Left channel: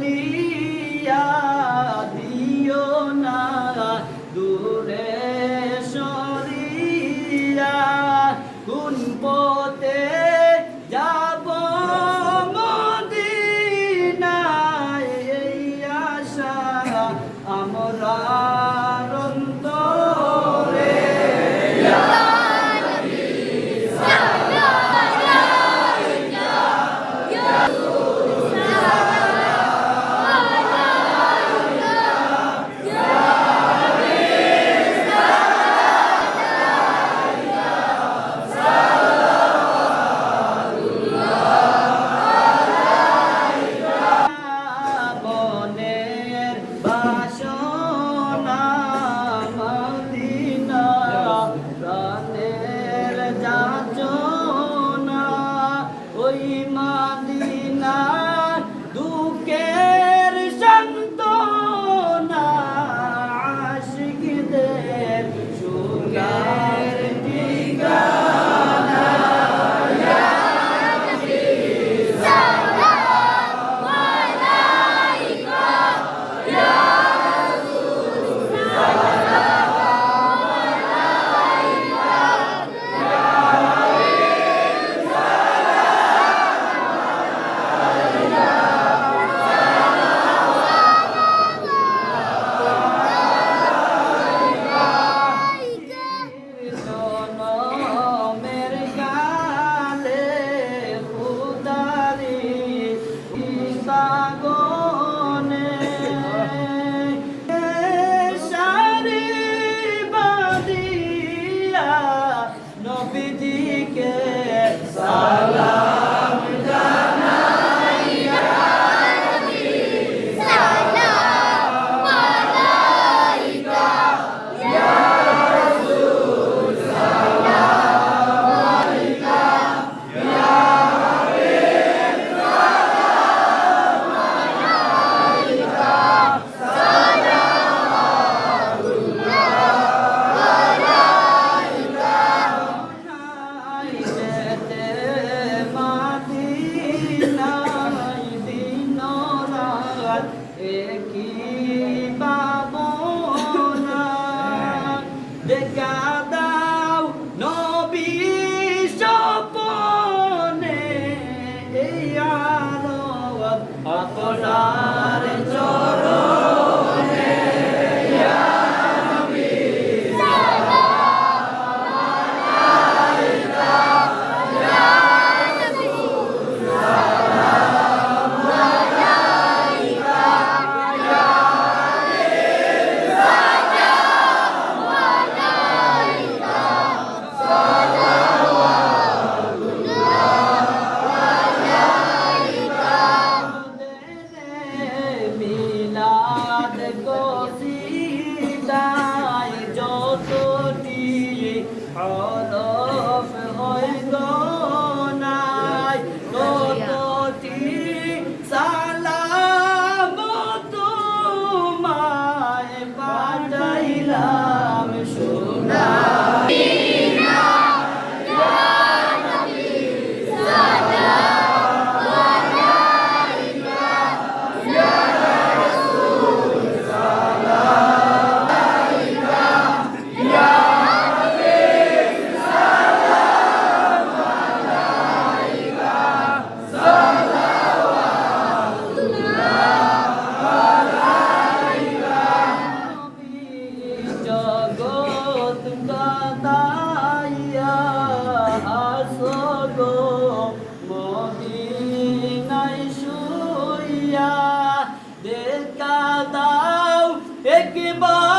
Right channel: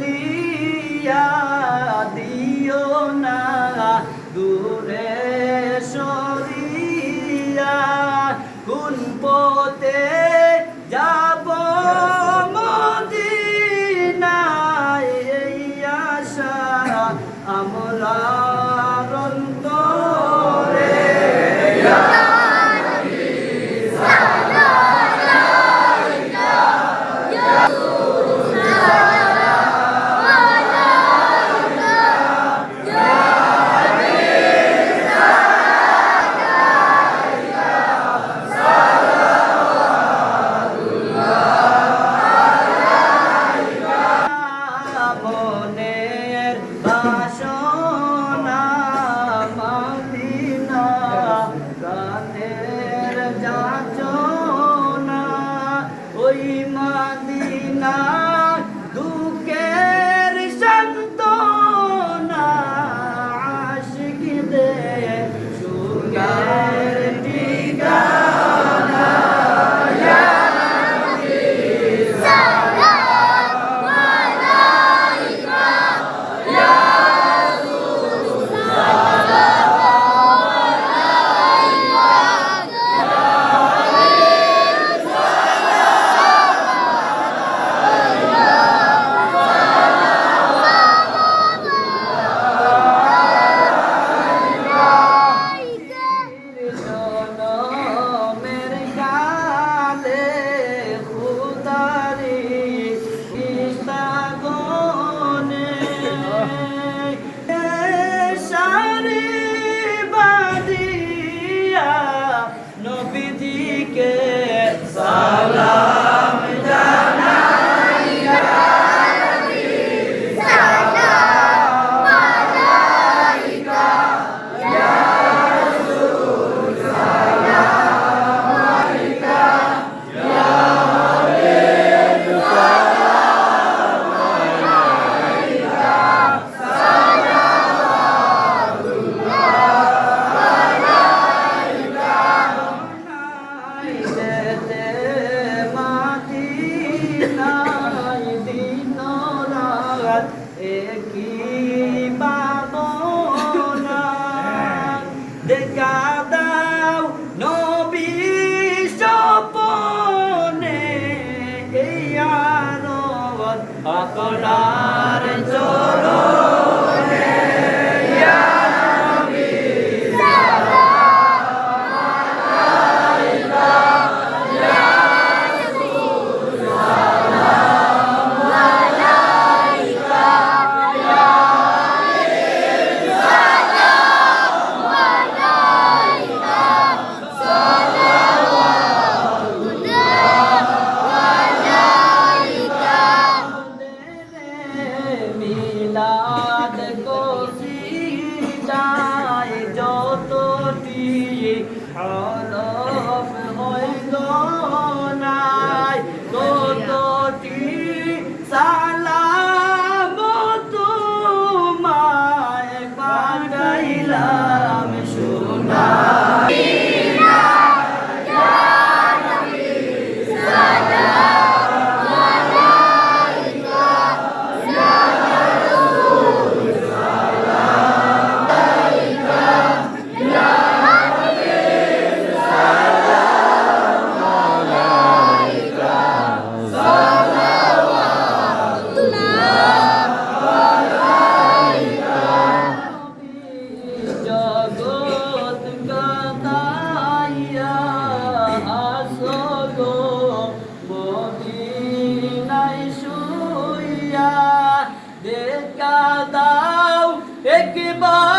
believe. দেখা দাও একবার